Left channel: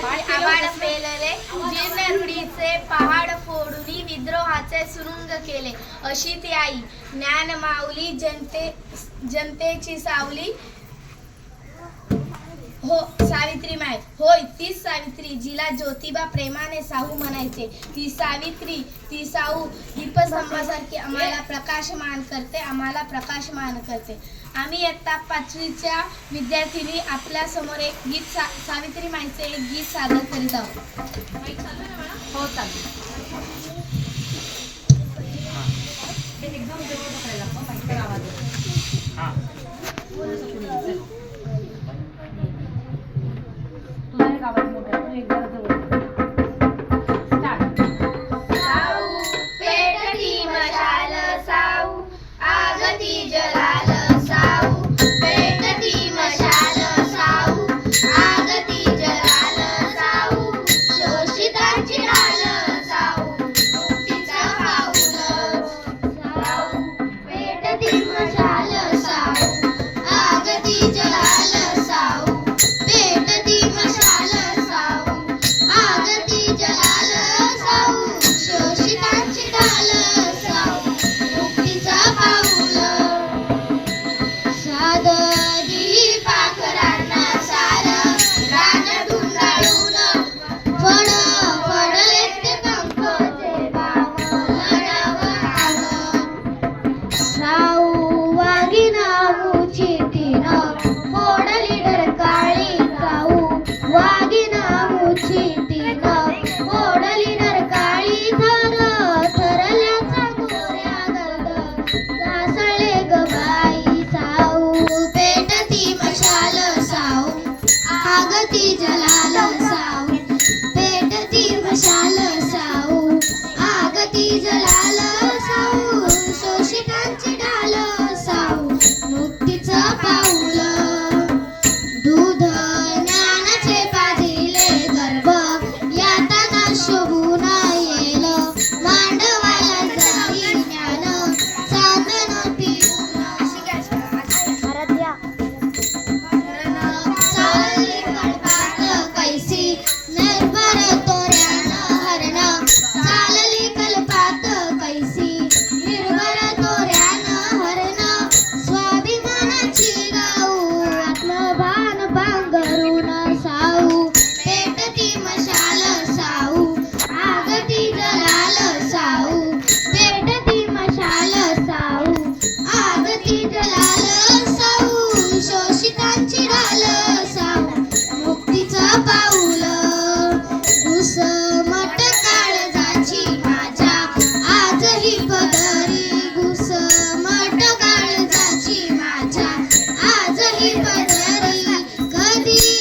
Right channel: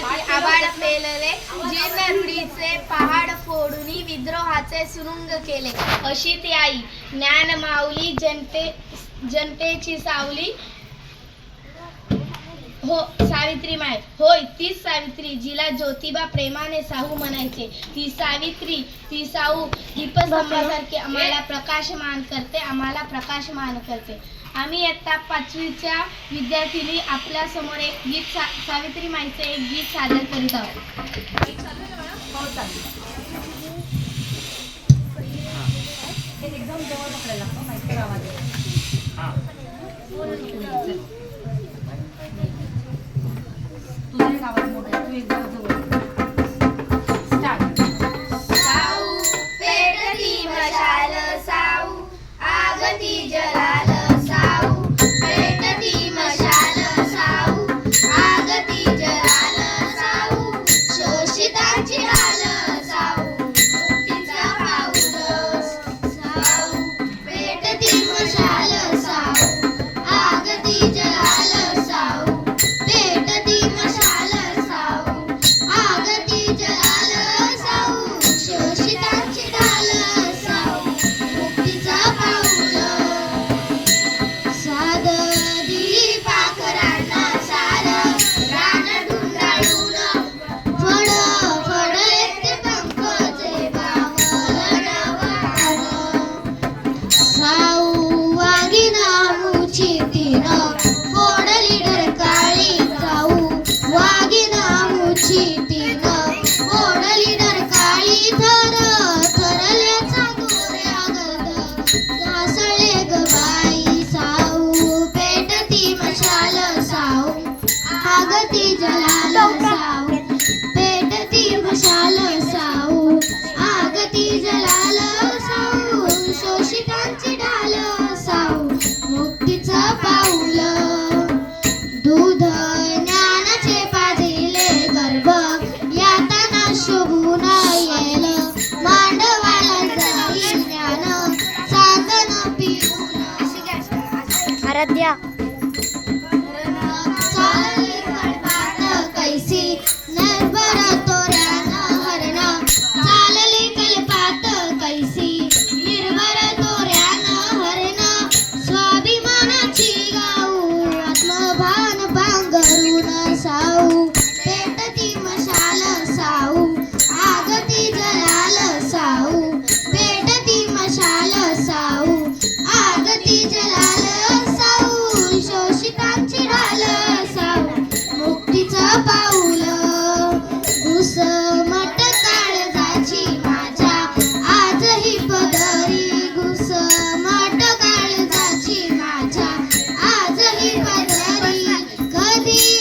हाती आभाळ पेलले, जीर्ण रूढीचे पहाड फोडून विद्रोहाचे सुरुंग केले. अशी ती आई ज्ञान माऊली, जनतेची सावली. हो सावित्री माय, होय तीच सावित्री जिला ज्योतिबा प्रेमाने साहू म्हणायचे. ती सावित्री, ती साहू दीपस्तंभासारखी आम्हाला प्रकाशमान करते. आम्ही इयत्ता 5वीच्या विद्यार्थिनी आपल्या समोर एक गीत सावित्री माईचे एक गीत सादर करीत आहोत. एकदम जवळ पकडायला लागतो, माईकवर आवाज तुझा आवाज मोठा आहे, तू एकदम जवळ. साऊ पेटती मशाल, साऊ आगती जलाल, साऊ पेटती मशाल, साऊ आगती जलाल, साऊ शोषितांची डाल, साऊ मुक्तीचा पाऊल, साऊ पेटती मशाल, साऊ आगती जलाल, साऊ पेटती मशाल, साऊ आगती जलाल, साऊ शोषितांची डाल, साऊ मुक्तीचा पाऊल. साध दीपाकरांना सार रान धुंडाळून फडले ते पंखचे बावळण. साऊ वागिनामुची तीन फोडली डरकाळी, साऊ वागिनामुची तीन फोडली डरकाळी. थरल्याचा गोऱ्या गंध घासळे ग बाई, साऊ पेटती मशाल, साऊ आगती जलाल, साऊ पेटती मशाल, साऊ आगती जलाल, साऊ शोषितांची डाल, साऊ मुक्तीचा पाऊल. दूध ज्ञानाचे पाजिले गर्भ यातना शोभून येल, मांडवाला जाई ज्ञान साधन पिऊन. आराध्या चालली कळपाट कैसी निर्भर तोऱ्यान हरण, चालली कल्पात कैसी निर्भर तोऱ्यान हरण. स्वाभिमानाची गाऊ आत्मभान भांगरून, साऊ पेटती मशाल, साऊ आगती जलाल, साऊ पेटती मशाल, साऊ आगती जलाल, साऊ शोषितांची डाल, साऊ मुक्तीचा पाऊल. घुसमट काळजाची माझ्या आजही पदरी, घुसमट काळजाची माझ्या आजही पदरी. कधी